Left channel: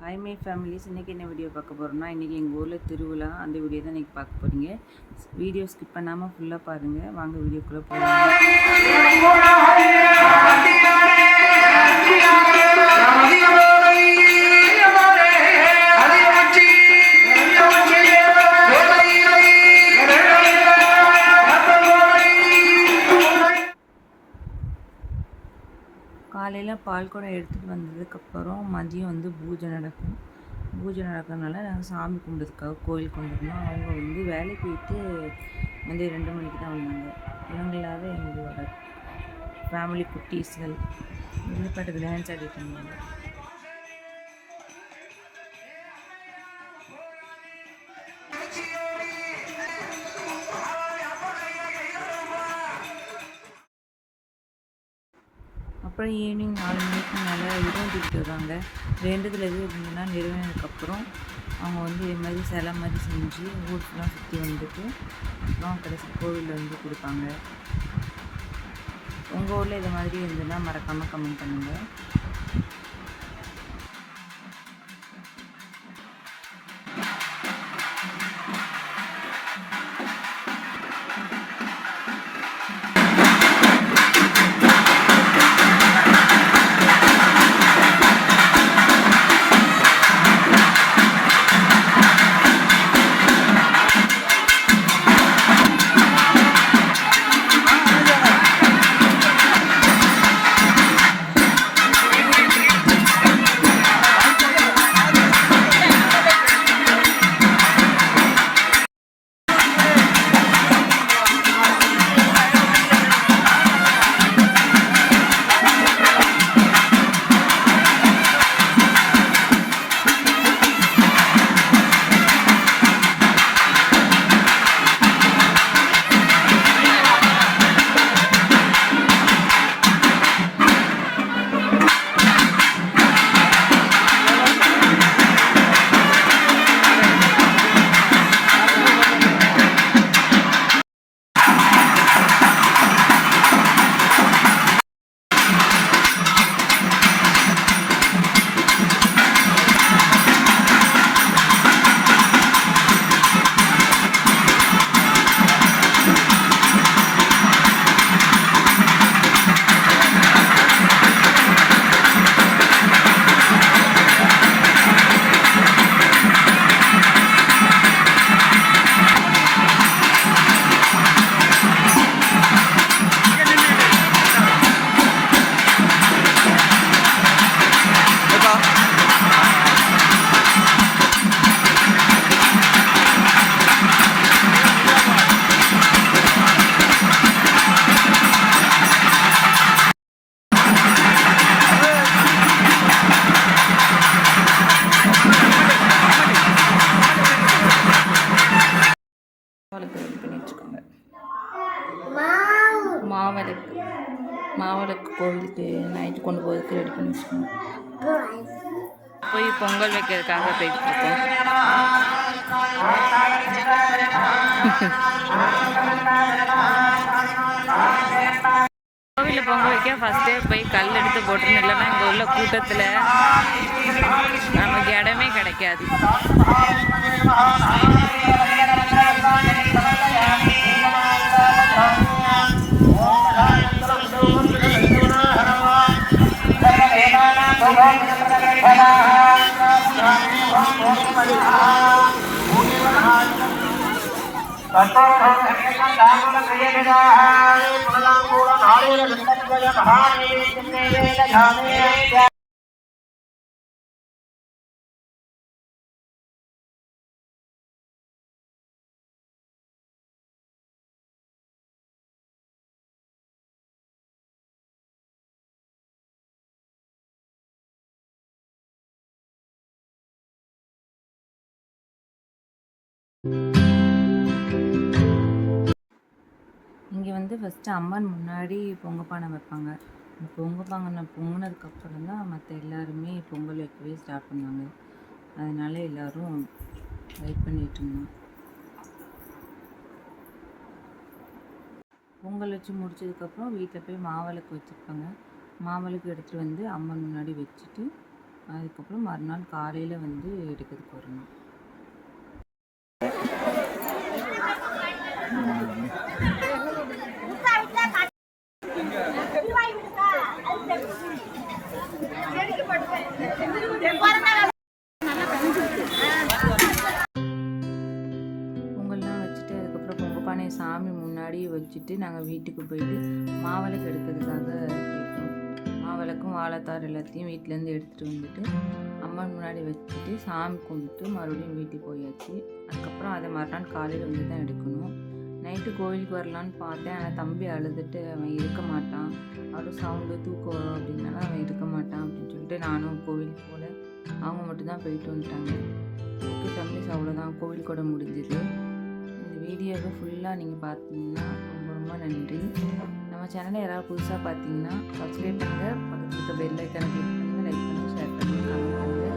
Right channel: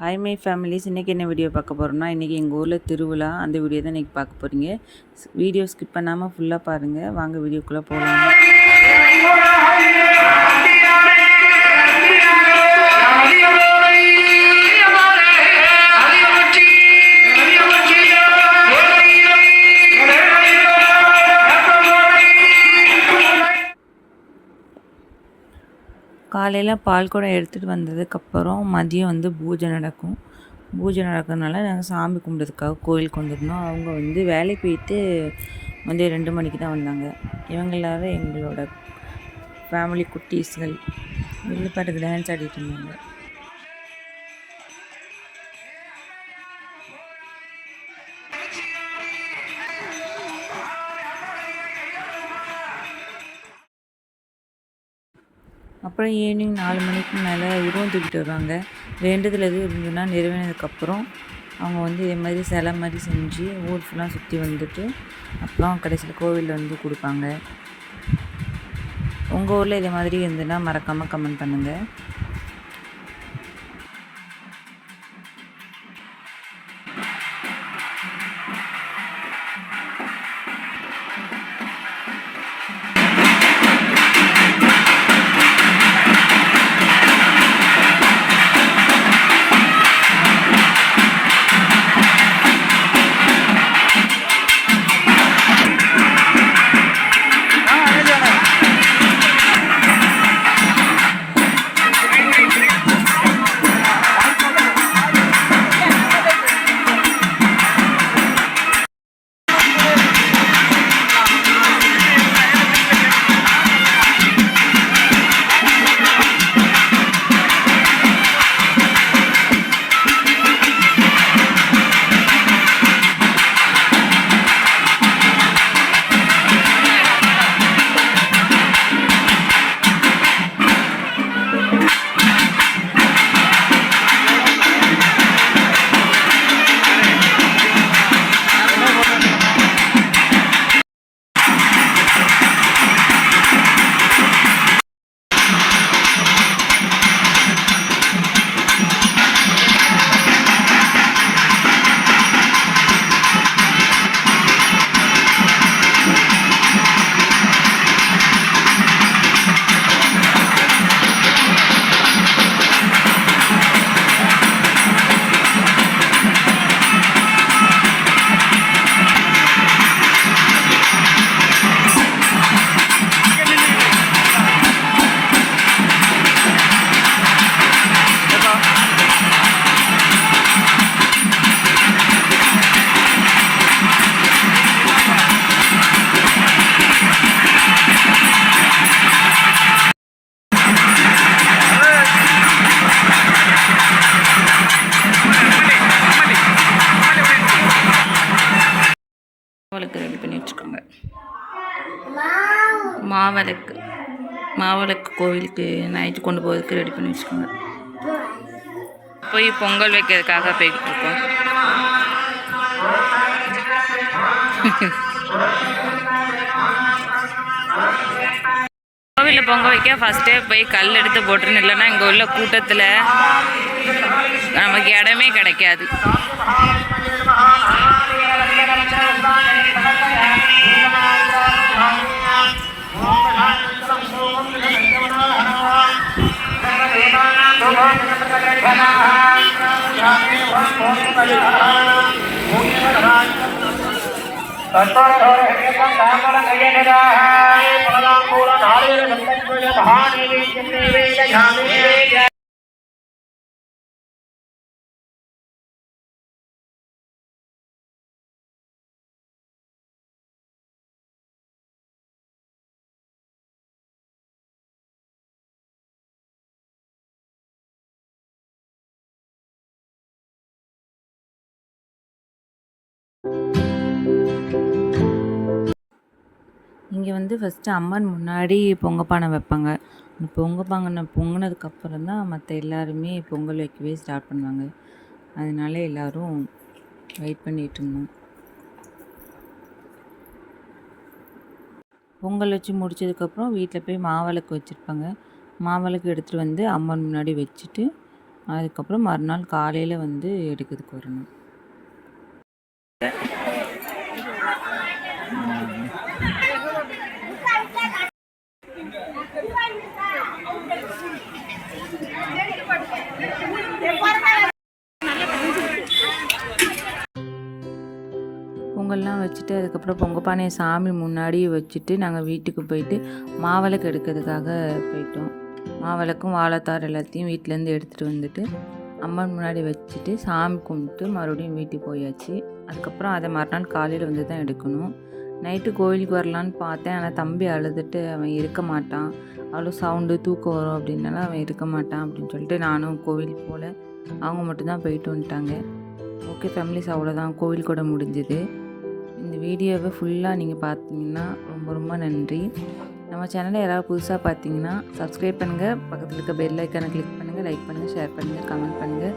Hi my families, இன்றைக்கி என்ன video பார்க்க போகிறோம்னா, இன்றைக்கி எங்கள் ஊரில் திருவிழா. அந்த வீடியோ தான் இன்றைக்கி பார்க்க போகிறீங்க. வீடியோ ஸ்கிப் பண்ணாமல் ஃபுல்லாக பாருங்கள். வாங்க வீடியோக்குள்ளே போகலாம். காலையில் பால் குடம் எடுத்துகிட்டு வந்ததுக்கப்புறம் மதியம் பூஜை நடக்கும். பூஜை நடக்கிறதுனால நாங்கள் சாமி கும்பிட்றதுக்காக கோயிலுக்கு வந்துருந்தோம். அவங்க வேலைக்கு போயிட்டு மதியம் 2 மணிக்கு தான் வந்தாங்க. இவங்க எல்லோரும் எங்களோட ஃபேமிலி குட்டீஸ்கள் வில்லுப்பாட்டுக்கு டான்ஸ் ஆடிட்டு இருந்தாங்க. அப்புறம் ஈவினிங் 4 மணிக்கு மேலே உருவம் தூக்கிட்டு வருவாங்க. வேண்டுதல் எதுவும் இருந்ததுன்னா நிறைவேறினதுக்கப்புறம் அவங்க இதே மாதிரி சிலை மாதிரி செஞ்சு ஊர் ஃபுல்லாக சுற்றி வந்துட்டு அப்புறம் கடைசியில் கோவிலில் கொடுப்பாங்க. உங்கள் ஊரில் இதே மாதிரி இருந்ததுன்னா மறக்காமல் கமெண்ட் பண்ணுங்கள். மாவிளக்கு ரெடி பண்ணி வச்சுக்கோங்க. மாவிளக்கு கோவிலுக்கு நைட்டு கொண்டு போகிறதுக்கு ரெடி பண்ணி வச்சுக்கோங்க. போய் பொங்கல் வைக்கிறதுக்காக போய்கிட்டு இருக்கோம். கோவிலில் பொங்கல் வைக்க ஃபஸ்ட்டே போய் கல் எடுத்து போட்டுருன்னு, இல்லைன்னா இங்கே உள்ள கூட்டத்தில் நமக்கு இடமே கிடைக்காது. இங்கே ஃபஸ்ட்டு அம்மன் முன்னாடி பொங்கப்பானை வைப்பாங்க. அந்த பொங்கப்பானை பொங்கினதுக்கப்புறம் தான் மற்ற எல்லாருமே பொங்கல் வைக்கவே ஸ்டார்ட் பண்ணுவாங்க. அதனால எல்லோரும் வெயிட் பண்ணிகிட்டு இருந்தோம். பொங்கல் வச்சு முடித்ததுக்கப்புறம் வீட்டில் போய் மாவிளக்கு வச்சுருப்பாங்க. மாவிளக்கு எடுத்துகிட்டு அம்மன் முன்னாடி வச்சுட்டு அதுக்கப்புறம் மறுநாள் காலையில் வந்து எடுக்கிறதுக்கு வரணும். பொங்கல்லாம் வச்சுட்டு அதுக்கப்புறம் பொங்கல் பானையை சாமி முன்னாடி வச்சுட்டு நாங்கள் வீட்டுக்கு போயிட்டு மாவிளக்கு எடுக்கிறதுக்காக போயிட்டோம். மாவிளக்கும் வாழைத்தார் எல்லாத்தையும் வீட்டிலேருந்து எடுத்துகிட்டு வந்துட்டு அம்மன் முன்னாடி வச்சுட்டு சாமி கும்பிட்டு மறுபடியும் வீட்டுக்கு போயாச்சு. அதுக்கப்புறம் அதை மறுநாள் காலையில் வந்து தான் எடுக்கணும். நைட்டு கோயிலுக்கு வரலான்னு பார்த்தேன். ஆனால் தம்பி அழுதுட்டு அவன் இருக்க மாட்டான், அவ்வளோ சவுண்டு தூக்கம் வரும் அப்படின்னால அவன் இருக்க மாட்டான் அப்படின்னு சொல்லிட்டு நானும் கோவில் போல. அவங்க மட்டும்தான் போயிட்டு வந்துட்டாங்க. ஓகே ஃபேமிலிஸ், அவ்வளோதான் கோவில் கூட முடிஞ்சுது. இந்த வீடியோவை ஃபுல்லாக நீங்கள் பார்த்தீங்கன்னா ரொம்ப ரொம்ப நன்றி. நம்ம சேனலை யாராவது புதுசாக பார்த்தீங்கன்னா சப்ஸ்கிரைப் பண்ணுங்கள், பக்கத்தில் இருக்க பெல் ஐக்கானை கிளிக் பண்ணுங்கள், லைக் பண்ணுங்கள், ஷேர் பண்ணுங்கள், கமெண்ட் பண்ணுங்கள்.